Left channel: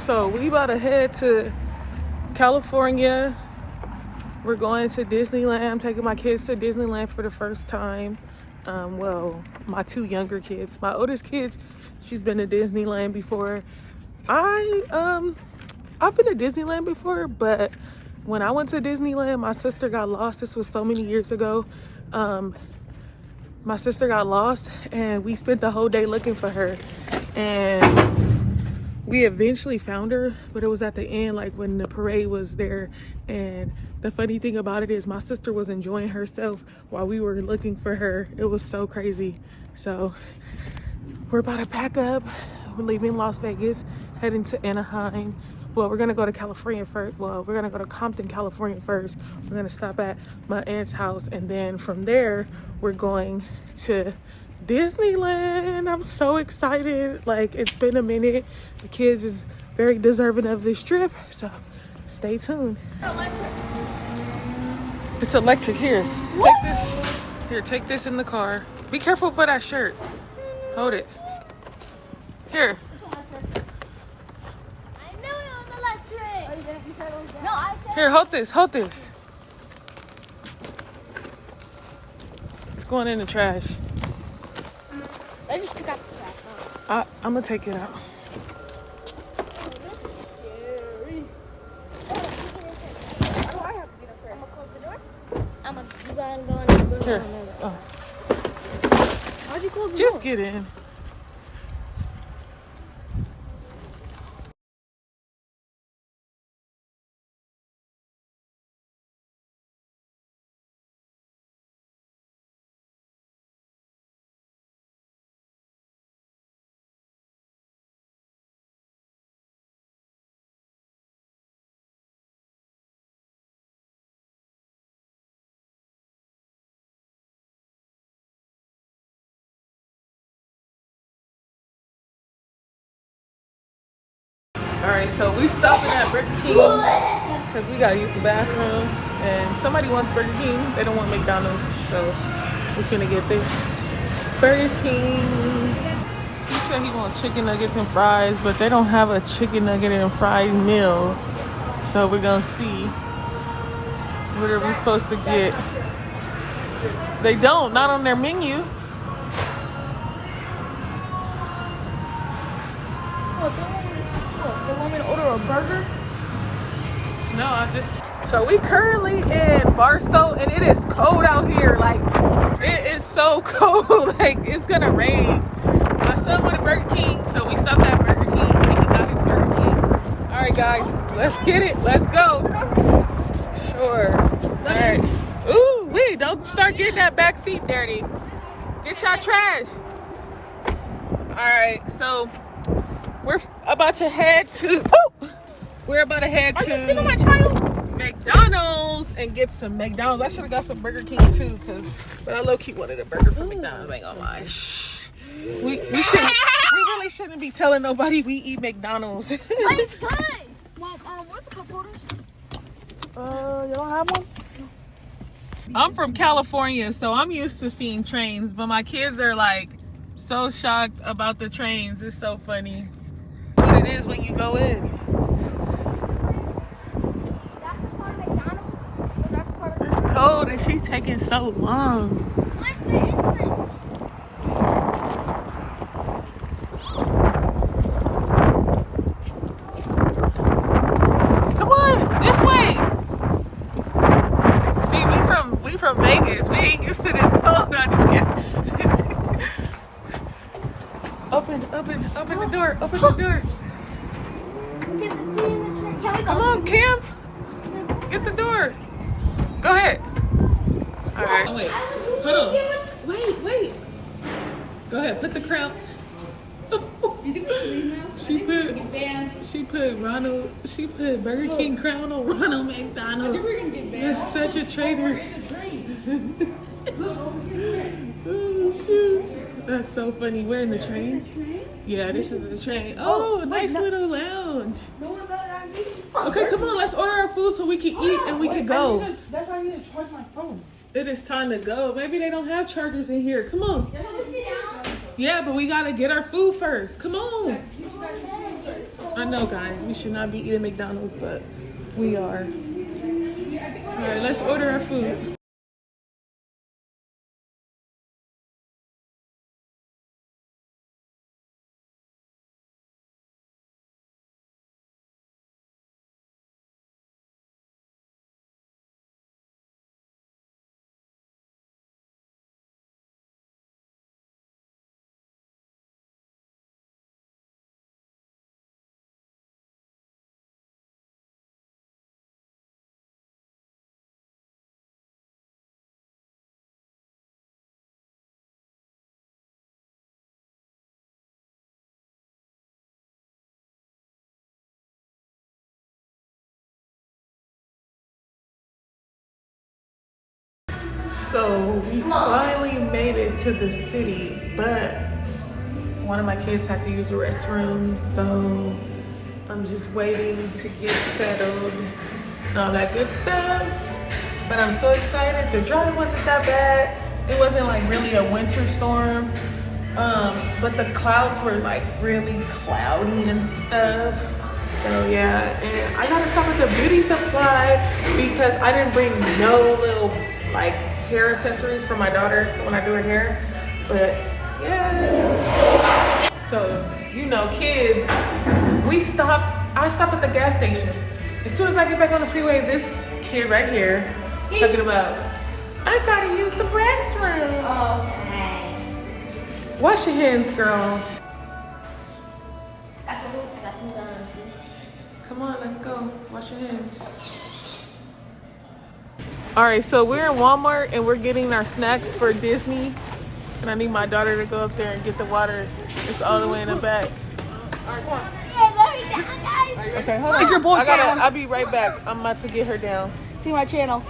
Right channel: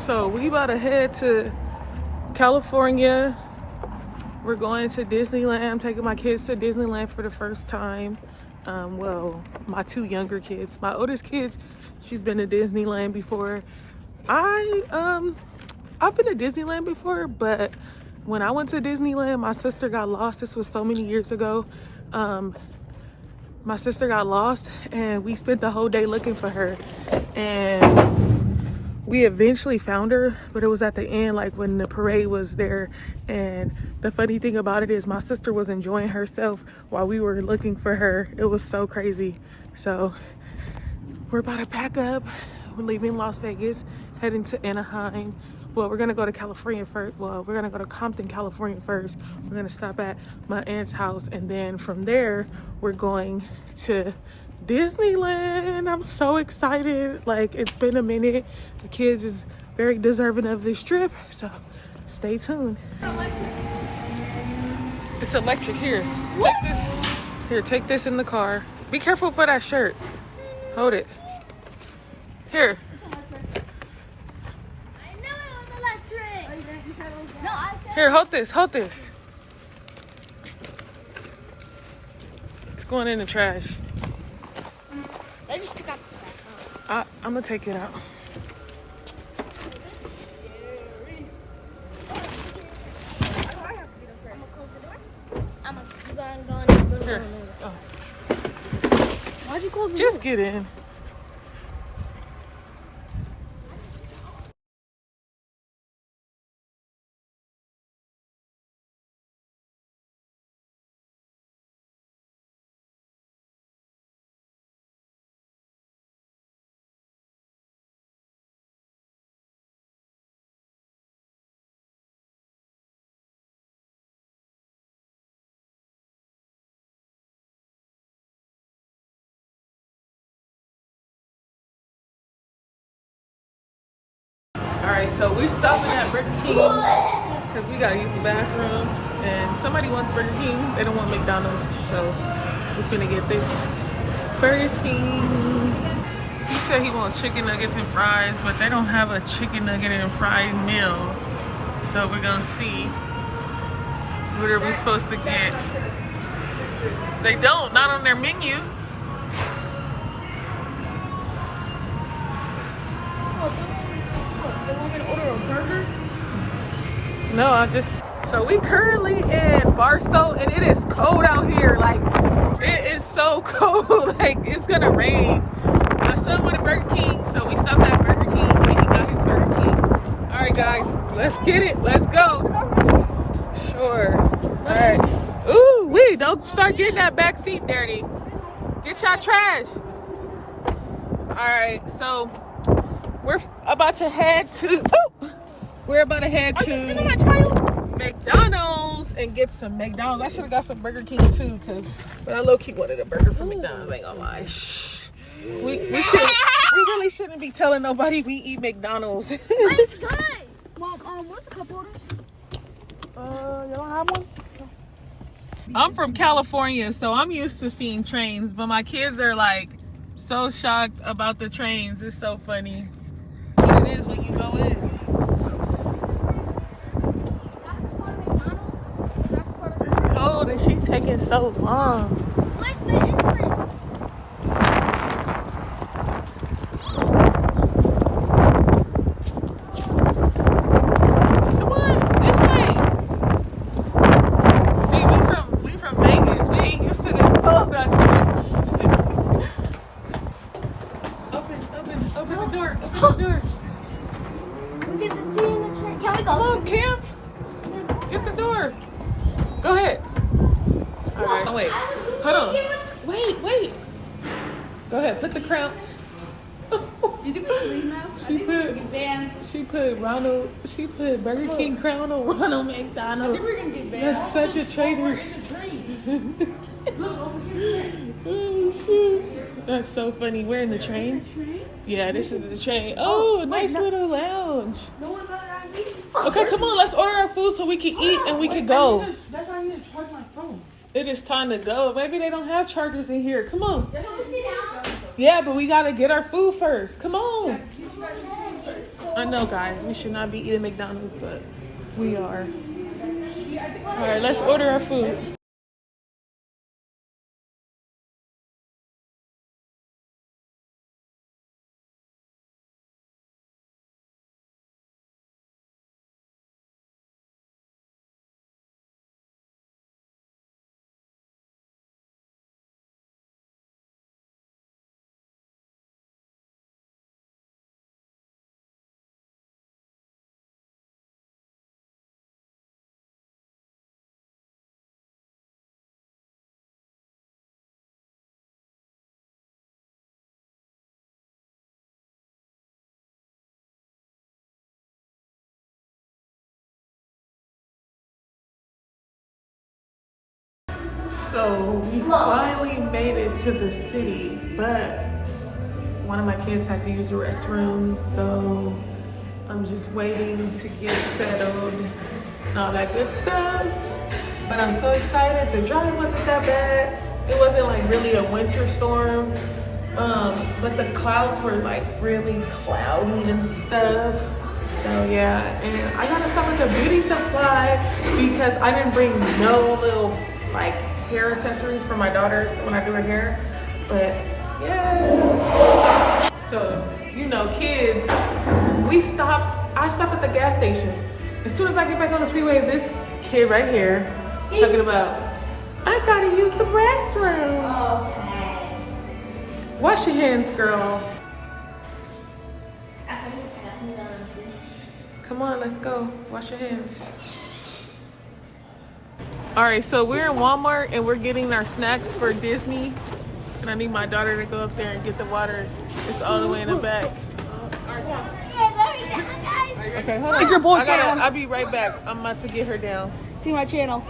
So we about to head to California. We're going to Disneyland. I'm taking my kids to Disneyland for the first time. Well, my two younger kids. My oldest kid, she's been to Disneyland before. I've been to Disneyland before, but when I went to Disneyland, my sister got lost. This was so many years ago. My sister got lost and we spent the whole day looking for her. And we eventually found her, but it was at the end, like when the parade was there. And the funny thing about it is my sister was enjoying herself while we were looking for her. It was so crazy. So we're about to pack up. We're leaving Las Vegas, heading to Anaheim. Well, we're gonna go to California first. Well, we're gonna go to Compton, California first. We're gonna stop at my aunt's house, and then from there, we're going to Disneyland. I'm so excited. Like, it's been a minute. The kids is very deserving of this trip, so stay tuned. It's electric. Here, take this. Here, take this in the car. Be careful for that shirt. Hold it. Here. Here, hold this, hold this. It's going in the trash. I just took out the trash. I'm gonna take it out. Here. Oh. Why'd you close the door? Just get in. All right, so we stopping at Burger King because we gotta use the bathroom, and somebody wants Burger King. They don't want McDonald's, so we're finna get this Burger King. He said he wants chicken nuggets and fries, but they don't have a chicken nugget and fried meal, so we're gonna see what are we supposed to get. They don't, not on their menu. No, so we currently in Barstow and it is cold out here. Like, it is so cold. Like, it's gonna rain. My son wanted Burger King, so we stopped at Burger King and he got his Burger King. All right, guys, let's get it. Let's go. Sure. All right. Ooh, wee, don't start getting that back seat dirty. Get y'all trash. All right, so we're about to head to, we're about to head to my child? McDonald's and get some McDonald's. I should have got some Burger King too, but I low-key wanted a burger from McDonald's, I ain't gonna lie. We really shouldn't be telling nobody we eat McDonald's. It's good. Well, where's the cup holders? You don't have one? I'm from California, so I'm used to seeing trains, but my kids are like so shocked about the trains. It's so funny what it is when you go in. It's cold and she's taking so long. Where's the entrance? Come on, this way. See, we from Vegas. We ain't used to this cold. No, just kidding. Open the door. Open the door. We get to see in the train. Can we go? Come on, Kim. Get the door. Go ahead. All right. Oh, wait. Hold on. Wait. Go ahead. Put the crown. You think we should leave now? She put Burger King crown on Ronald McDonald. We're gonna get banned. That's such a traitor. We're in the train. Look over here. Oh, shoot. That's so funny. We're in the train. Yeah, this is the train. Oh, nice little lounge. No one better than me. Okay, come on. Let's order our food so we can eat and we can go. That's why I need to charge my phone. It is time to go. Maybe they don't have chargers in here. Come on. Sit down. Yeah, but we gotta get our food first. Come on. I know, guys, we should not be eating McDonald's, but we are. All right, let's order our food. So we finally made it to the city, but one of my kids had to use the restroom, so I'm just waiting to get settled and all that good stuff. But I'm so excited. The drive wasn't that bad. It wasn't like really a winter storm, but the clouds were like really cloudy and stuff. So yeah, and I gotta stop at the beauty supply because I didn't bring no little like hair accessories for my daughter so when I do her hair. But yes, so you know, kids, I stopped at the gas station. As soon as I get back on the freeway, this kid right here talking about, I gotta use the restroom. Okay. Wash your hands, girl. Come on, let's go. Wash your hands. All right, so we're in Walmart and we're getting our snacks for Disney. And I need my daughter to go up there and get the water. It's all the way in the back. Okay, hold on. It's your boy, I'll be right back. I'm about to get her down. See my channel.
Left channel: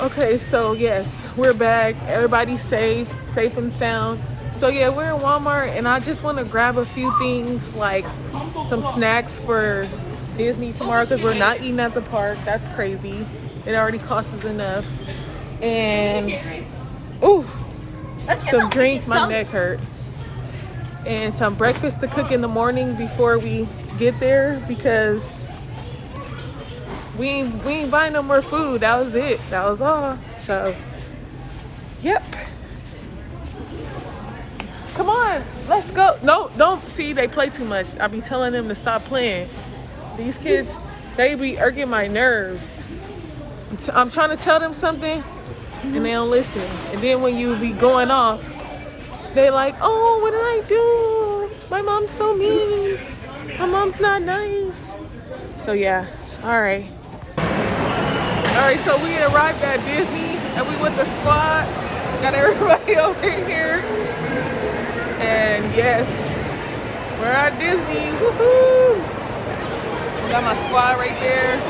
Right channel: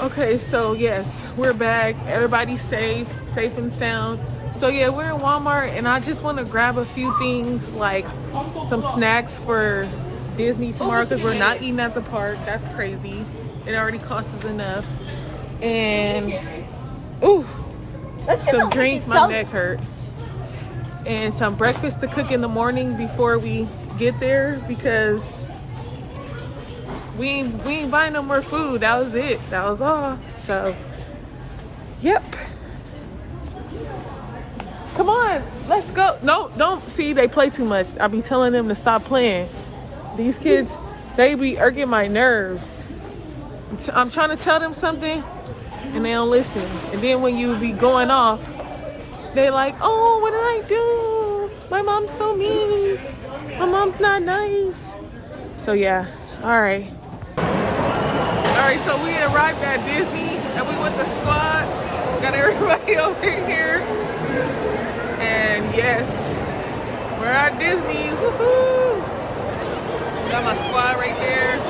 Okay, so yes, we're back. Everybody's safe and sound. So yeah, we're in Walmart and I just want to grab a few things like some snacks for Disney tomorrow because we're not eating at the park. That's crazy. It already costs us enough. And ooh, some drinks, my neck hurt. And some breakfast to cook in the morning before we get there because we ain't buying no more food. That was it. That was all. So, yep. Come on, let's go. No, don't see they play too much. I be telling them to stop playing. These kids, they be irking my nerves. I'm trying to tell them something and they don't listen. And then when you be going off, they like, oh, what did I do? My mom's so mean. My mom's not nice. So yeah, all right. All right, so we arrived at Disney and we with the squad. Got everybody over here. And yes, we're at Disney, woohoo! Got my squad right there.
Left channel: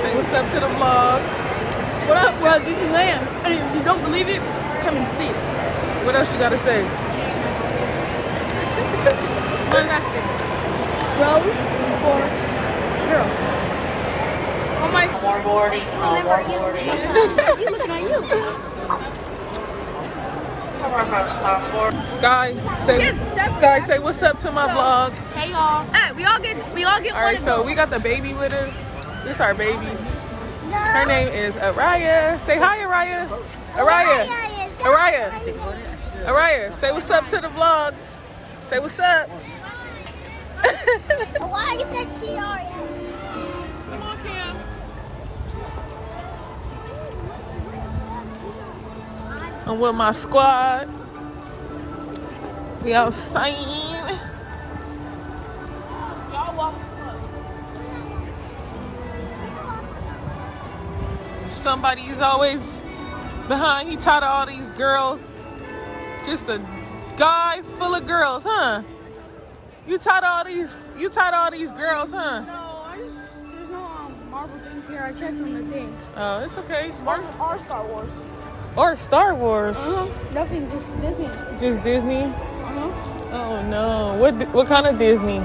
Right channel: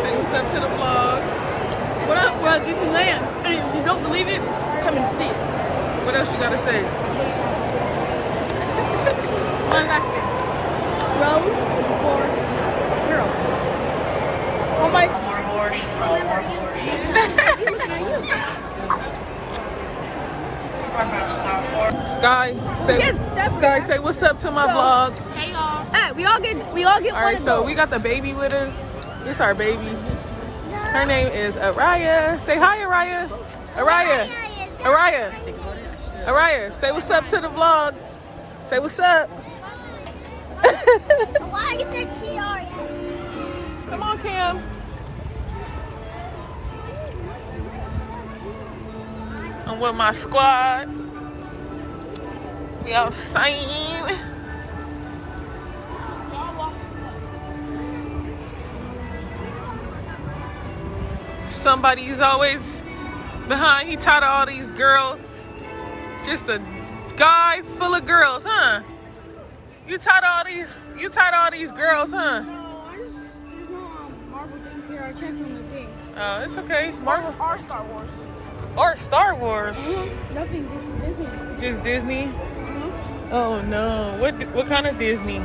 Say what's up to the vlog. What up? We're at Disneyland. And if you don't believe it, come and see it. What else you gotta say? One last thing. Rose for girls. Oh my God. More boarding. Looking at you. Sky, say what's up to my vlog. Hey y'all. Hey, we all get All right, so we got the baby with us. This our baby. Her name is Araya. Say hi, Araya. Araya, say what's up to the vlog. Say what's up. Come on, Cam. I'm with my squad. We outside. Somebody's always behind. He taught all these girls. Just a guy full of girls, huh? You taught all these girls, huh? No, there's no Marvel things here. I checked on the thing. Oh, it's okay. Marvel Or Star Wars. or Star Wars. Nothing, just Disney. Just Disney. Oh no. What kind of Disney?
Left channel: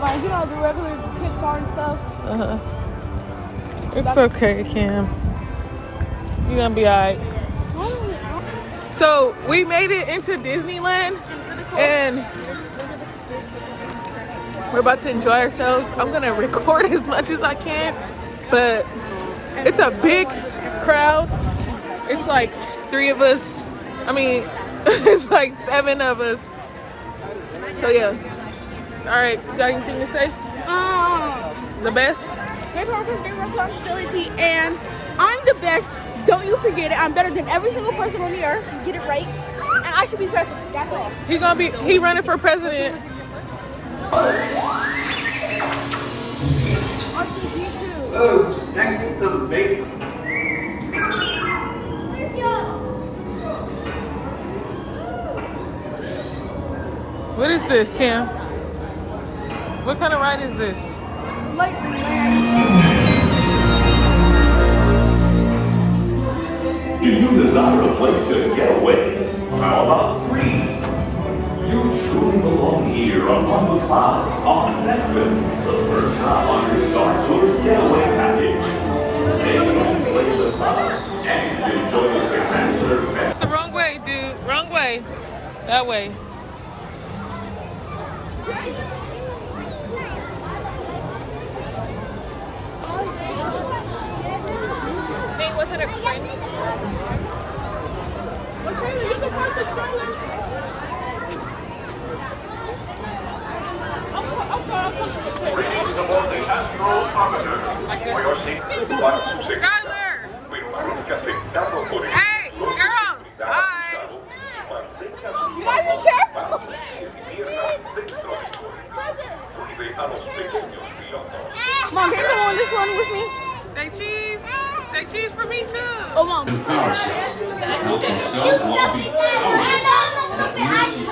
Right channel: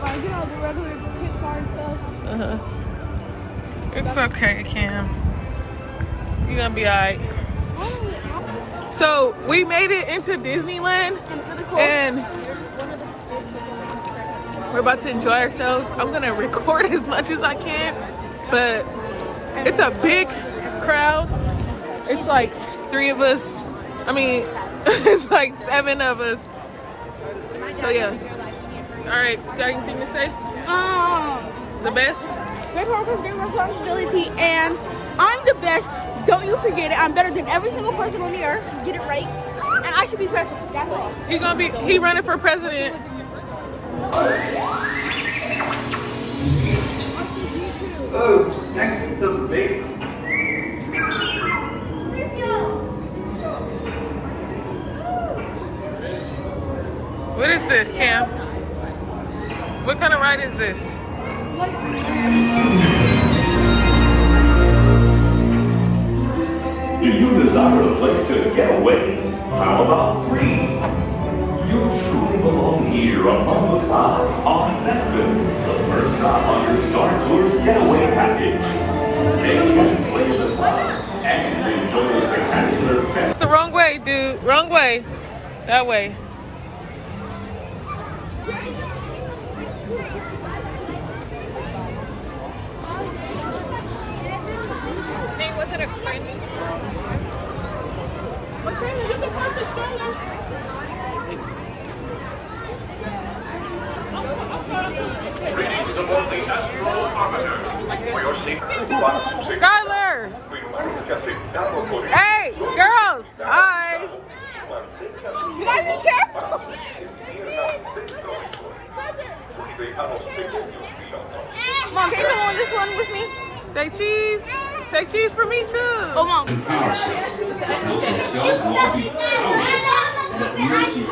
Like, you know, the regular Pixar and stuff. It's okay, Cam. You're gonna be alright. So we made it into Disneyland and We're about to enjoy ourselves. I'm gonna record as much as I can, but it's a big crowd. It's like 3 of us. I mean, it's like 7 of us. So yeah. All right, got anything to say? The best? There's always their responsibility, and I'm the best. Don't you forget it. I'm better than every single person on the earth. Get it right. And I should be president. That's all. He running for president. Oh, next to the base. What is this, Cam? What kind of ride is this? Do you desire a place to get away? How about free? You truly belong here among the clouds on Nesbitt, the first stop on your Star Tours getaway package. Stay and play with the clouds and enjoy the spectacular fest. It's the wrong way, dude. Wrong way. That way. Hey, was it a friend? Skylar! Hey, girls! Hi! Mom, can you on this one with me? Say cheese! Say cheese for me too! Oh, Mom. And power cells that help themselves lobby powers that mercy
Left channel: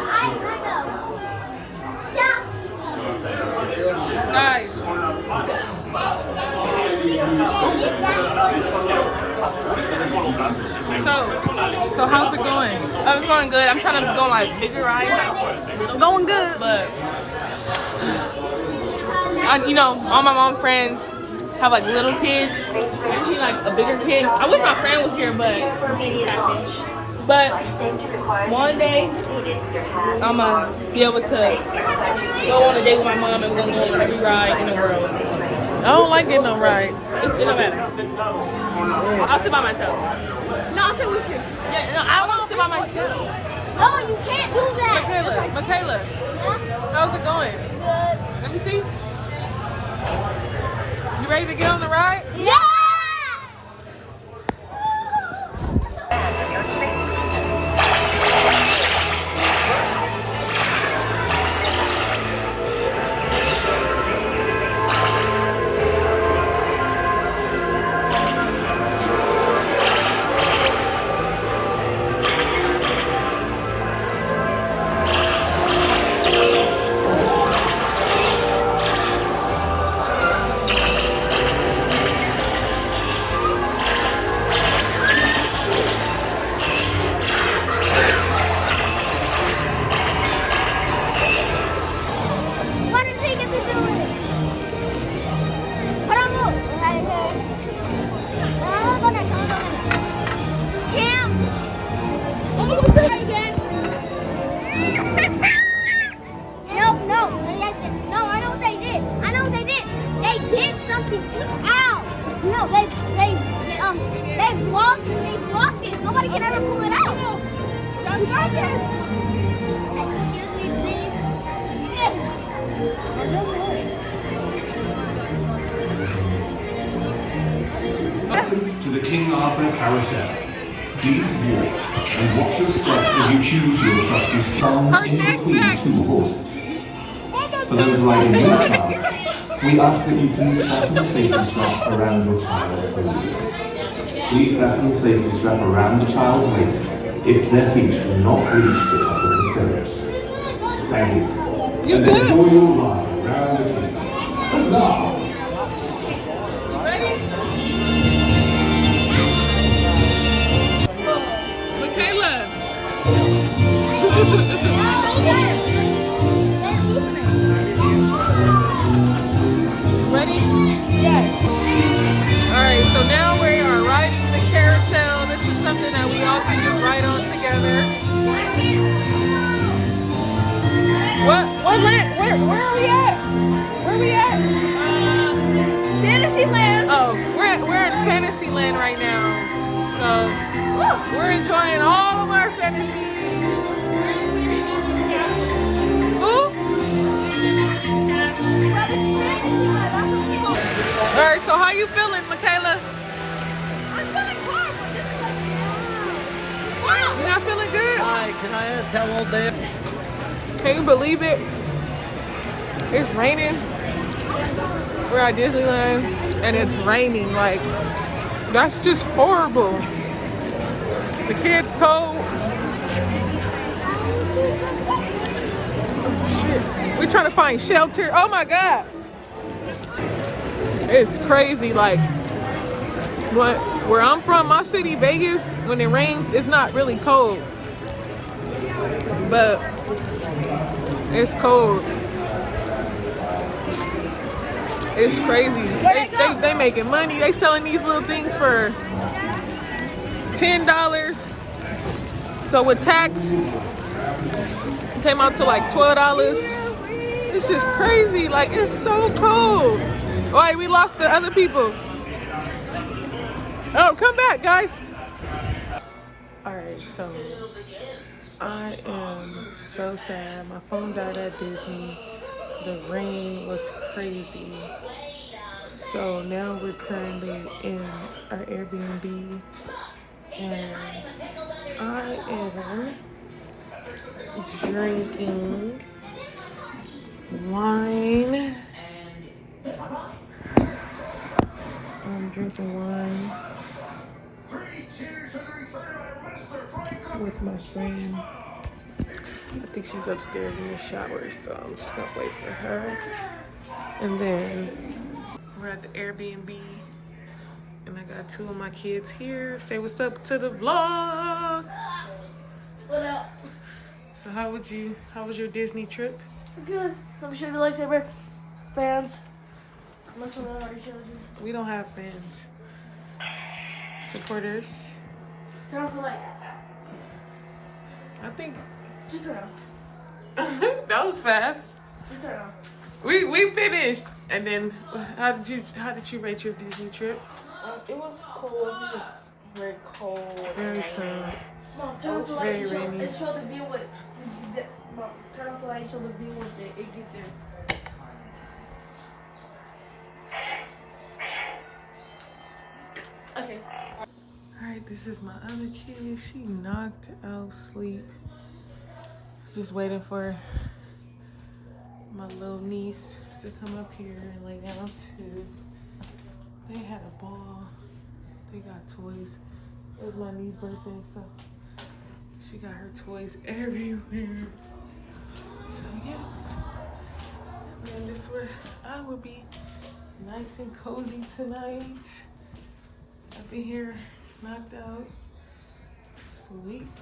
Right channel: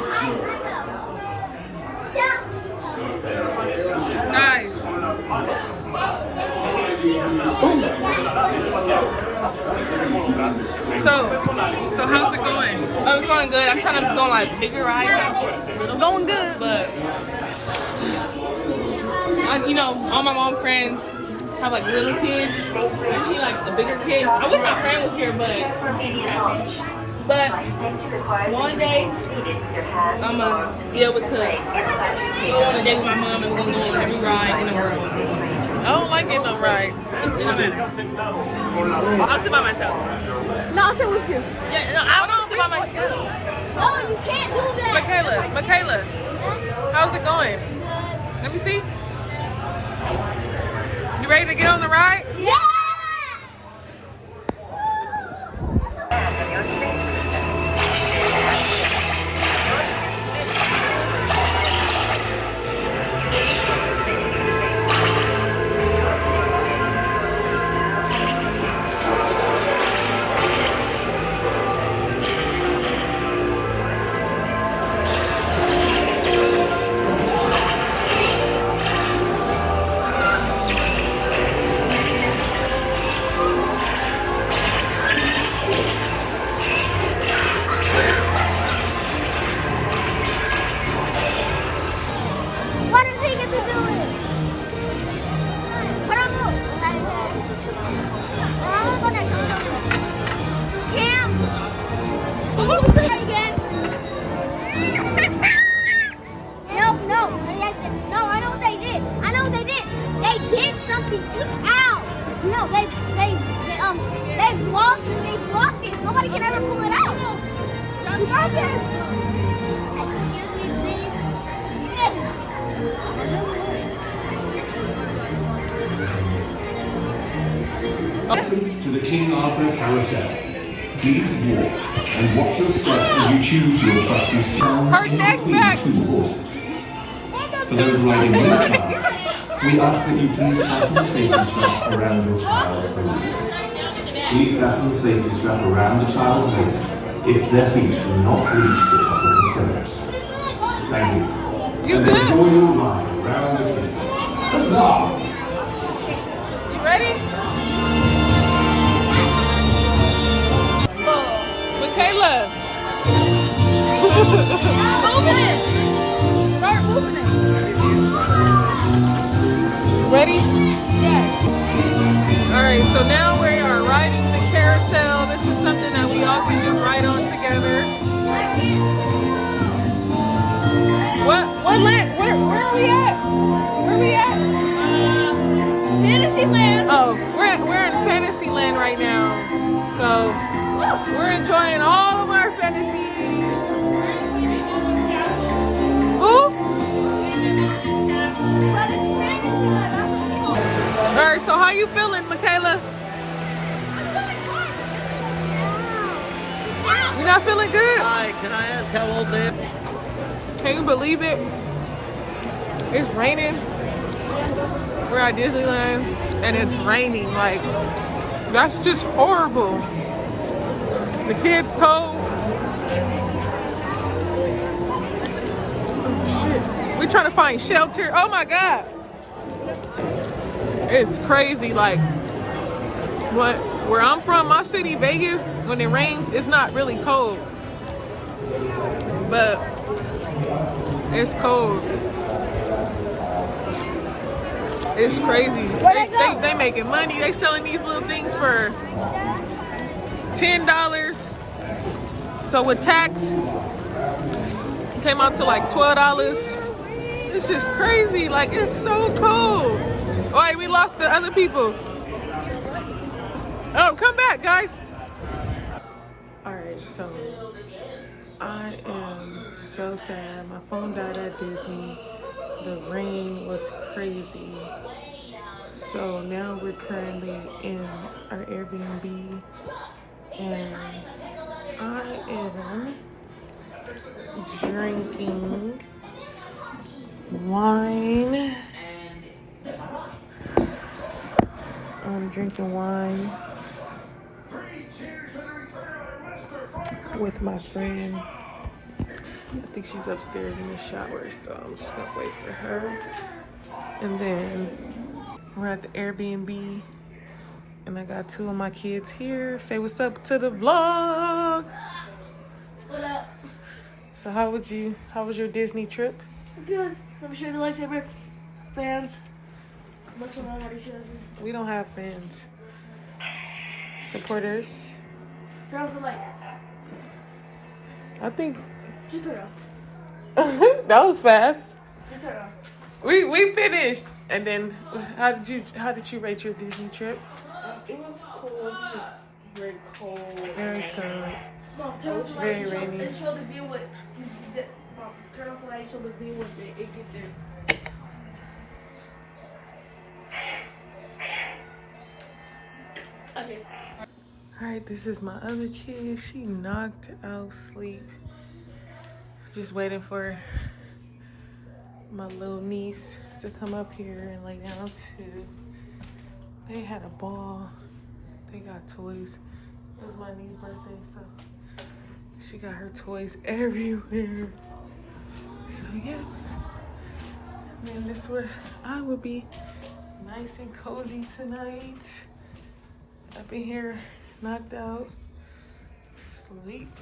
Nice. So how's it going? It's going good. I'm trying to go on like bigger rides. Going good. But you know, all my mom friends have like little kids. I need like a bigger kid. I wish my friend was here, but one day I'm gonna be able to go on a date with my mom and we're gonna go on every ride in the world. I don't like getting on rides. It don't matter. I'll sit by myself. No, I'll sit with you. Yeah, no, I don't sit by myself. Oh, you can't do that. Michaela, Yeah? how's it going? Good. Let me see. You ready to get on the ride? Yeah! What did he get to do with it? Put on move. Okay, okay. I'm gonna go next. I'm gonna go next. Cam! I'm gonna try again. No, no, I know what they did. I know what they did. They did something to Ow! No, they blocked it. Nobody can ever pull it out. John, got this. Excuse me, To the King Arthur Carousel. Please walk and watch your step as you choose your trusty stone in between 2 horses. For those riding your child, we ask that you please fasten the safety strap around your child only. Please fasten the safety strap around the child's waist if their feet do not reach the top of the stirrups. Thank you. And enjoy your ride around the king. Huzzah! You ready? Michaela. Start moving it. Ready? Yes. Alright, so now we are riding the carousel. This is something that we all can just ride on together. Where are we at? Where we at? Fantasyland. Oh, we're in Fantasyland right now. So we're enjoying all of our fantasies. Who? All right, so how you feeling, Michaela? You not feeling good? Hi, can I tell old Dave? Can you believe it? It's raining. We're at Disneyland and it's raining. Like, that's just horrible. The kids cold. Oh shit. We're trying to find shelter. Oh my God. It's crazy. Like, where I'm from, my city, Vegas, when it rains, it's not really cold. But it's cold. It's crazy. They making money. They selling these little things for $10. So with tax, it came out to like $12. It's just crazy. Like, it's so cold. Oh, wait, we lost the other people. Oh, come back, guys. All right, so I am so sad. My phone died at Disney. The rain was crazy. So now we're currently in our Airbnb and I am drinking wine. I'm drinking wine with my friend. I think she's upstairs in the shower, so I'm just gonna wait for her. And then we're at the Airbnb, and I got two of my kids here. Say what's up to the vlog. What up? So how was your Disney trip? Good. Let me show you the lightsaber. Fans. That's what I already showed you. We don't have fans. Supporters. Turn off the light. I think Just turn it off. that was fast. Just turn it off. We finished. And then how did you rate your Disney trip? It was cold. It was just very cold. Very cold. Mom, turn off the light. Very rainy. And show the view with. Mom, turn off the light. Show the view with it get there. Okay. Alright, this is my other kid. She knocked out sleep. Just waiting for my little niece to come up here and lay down too. They had a ball. They got toys. It was my niece's birthday, so she got her toys everywhere. So yeah. And this was, I will be nice and cozy tonight. Up in here, knocked out, sleep.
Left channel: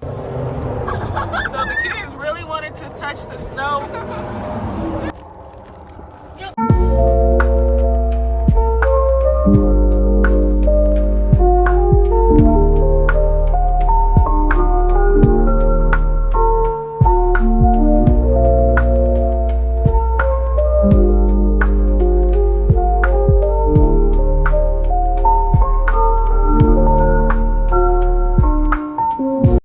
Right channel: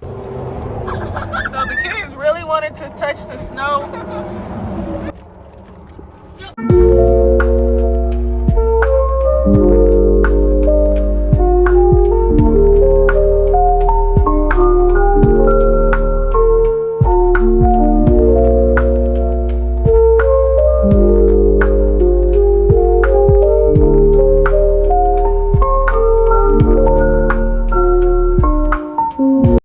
So the kids really wanted to touch the snow.